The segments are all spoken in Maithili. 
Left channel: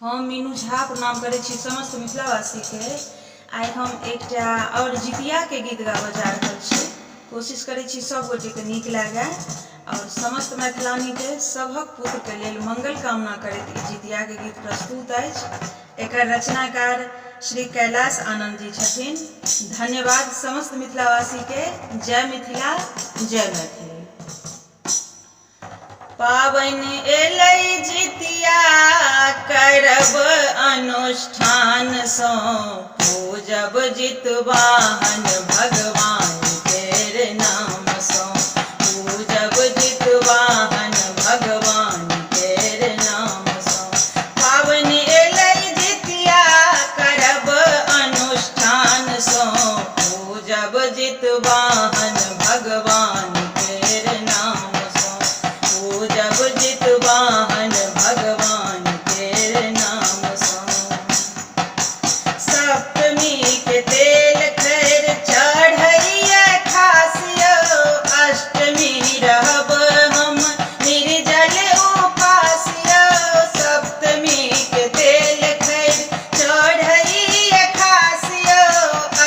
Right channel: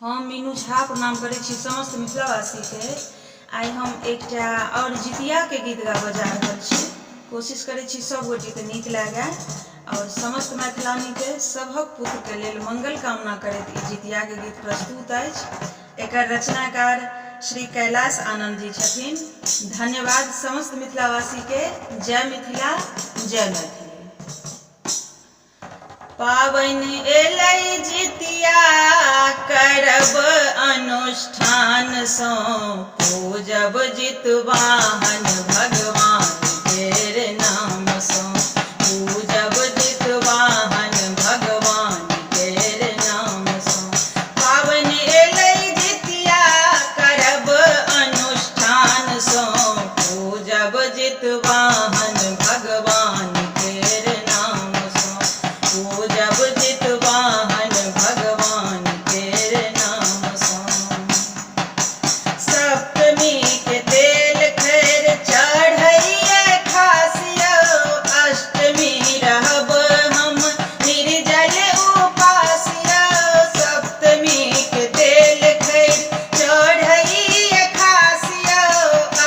हम मीनू झा प्रणाम करै छी समस्त मिथिलावासी के। आइ हम एकटा और जितिया के गीत गाबऽ जा रहल छी। कोशिश करै छी सब गोटे के नीक लागे और समस्त मैथिलानी के सभक पुत्र के लेल मंगल कामना करैत ई जितिया के गीत प्रस्तुत अछि। एकर रचनाकार श्री कैलाश आनंद जी छथिन। धन्यवाद समस्त मिथिलावासी के। जय मिथिला, जय मैथिली। पाबनि एलै जितिया करब अनुष्ठान सँ, पूजब जितवाहन भगवान केर नाम सँ, पूजब जितवाहन भगवान केर नाम सँ। पाबनि एलै जितिया करब अनुष्ठान सँ, पूजब जितवाहन भगवान केर नाम सँ, पूजब जितवाहन भगवान केर नाम सँ। सप्तमी के तेल खैर चढ़ैया खासियो, अष्टमी रहब हम निर्जल उपासियो। सप्तमी के तेल खैर चढ़ैया खासियो,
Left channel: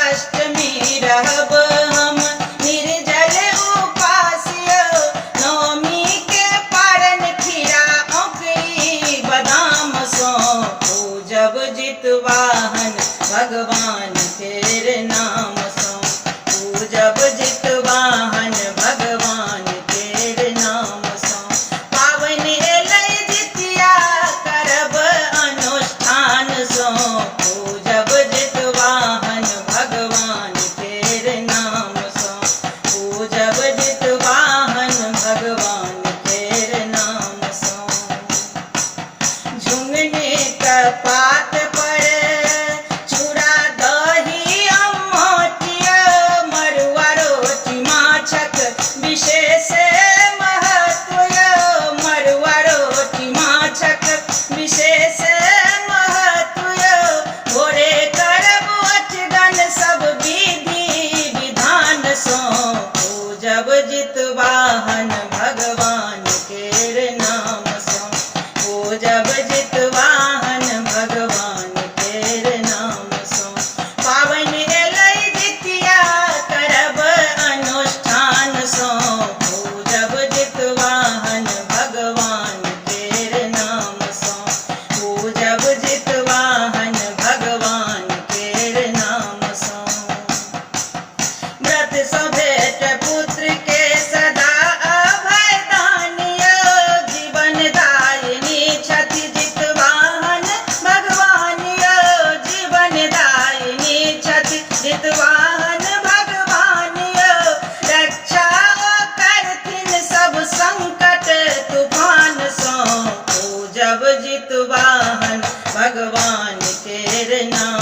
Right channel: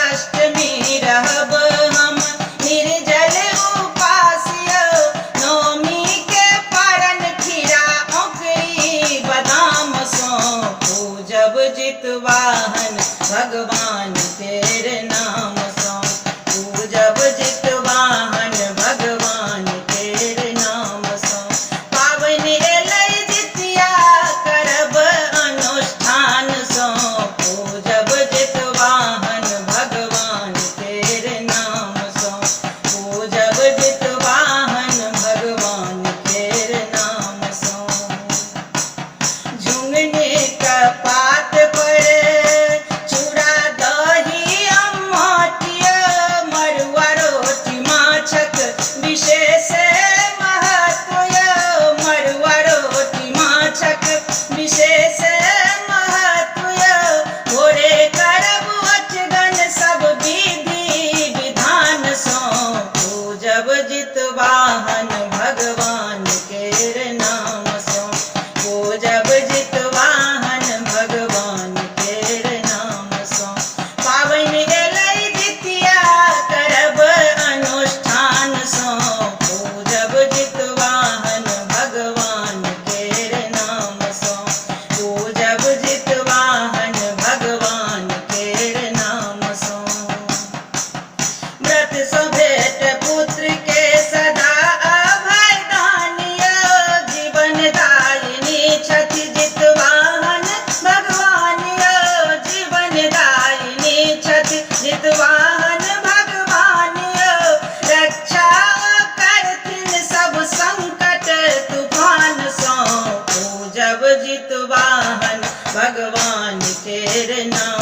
अष्टमी रहब हम निर्जल उपासियो। नवमी के पारन खीरा औंकरी बादाम सँ, पूजब जितवाहन भगवान केर नाम सँ, पूजब जितवाहन भगवान केर नाम सँ। पाबनि एलै जितिया करब अनुष्ठान सँ, पूजब जितवाहन भगवान केर नाम सँ, पूजब जितवाहन भगवान केर नाम सँ। झुंगनी के पात पर चूड़ा दही अम्मटिया, मड़ुआ रोटी माछक विशेष महत्व यौ, मड़ुआ रोटी माछक विशेष महत्व यौ। भोरे करब ओठगन सब विधि विधान सँ, पूजब जितवाहन भगवान केर नाम सँ, पूजब जितवाहन भगवान केर नाम सँ। पाबनि एलै जितिया करब अनुष्ठान सँ, पूजब जितवाहन भगवान केर नाम सँ, पूजब जितवाहन भगवान केर नाम सँ। व्रत सँ भेट पुत्र के सदा अभय दानी यौ, जीवन दायिनी छथि जितवाहन भगवान यौ, जीवन दायिनी छथि जितवाहन भगवान यौ। रक्षा करथिन सब संकट तूफान सँ, पूजब जितवाहन भगवान केर नाम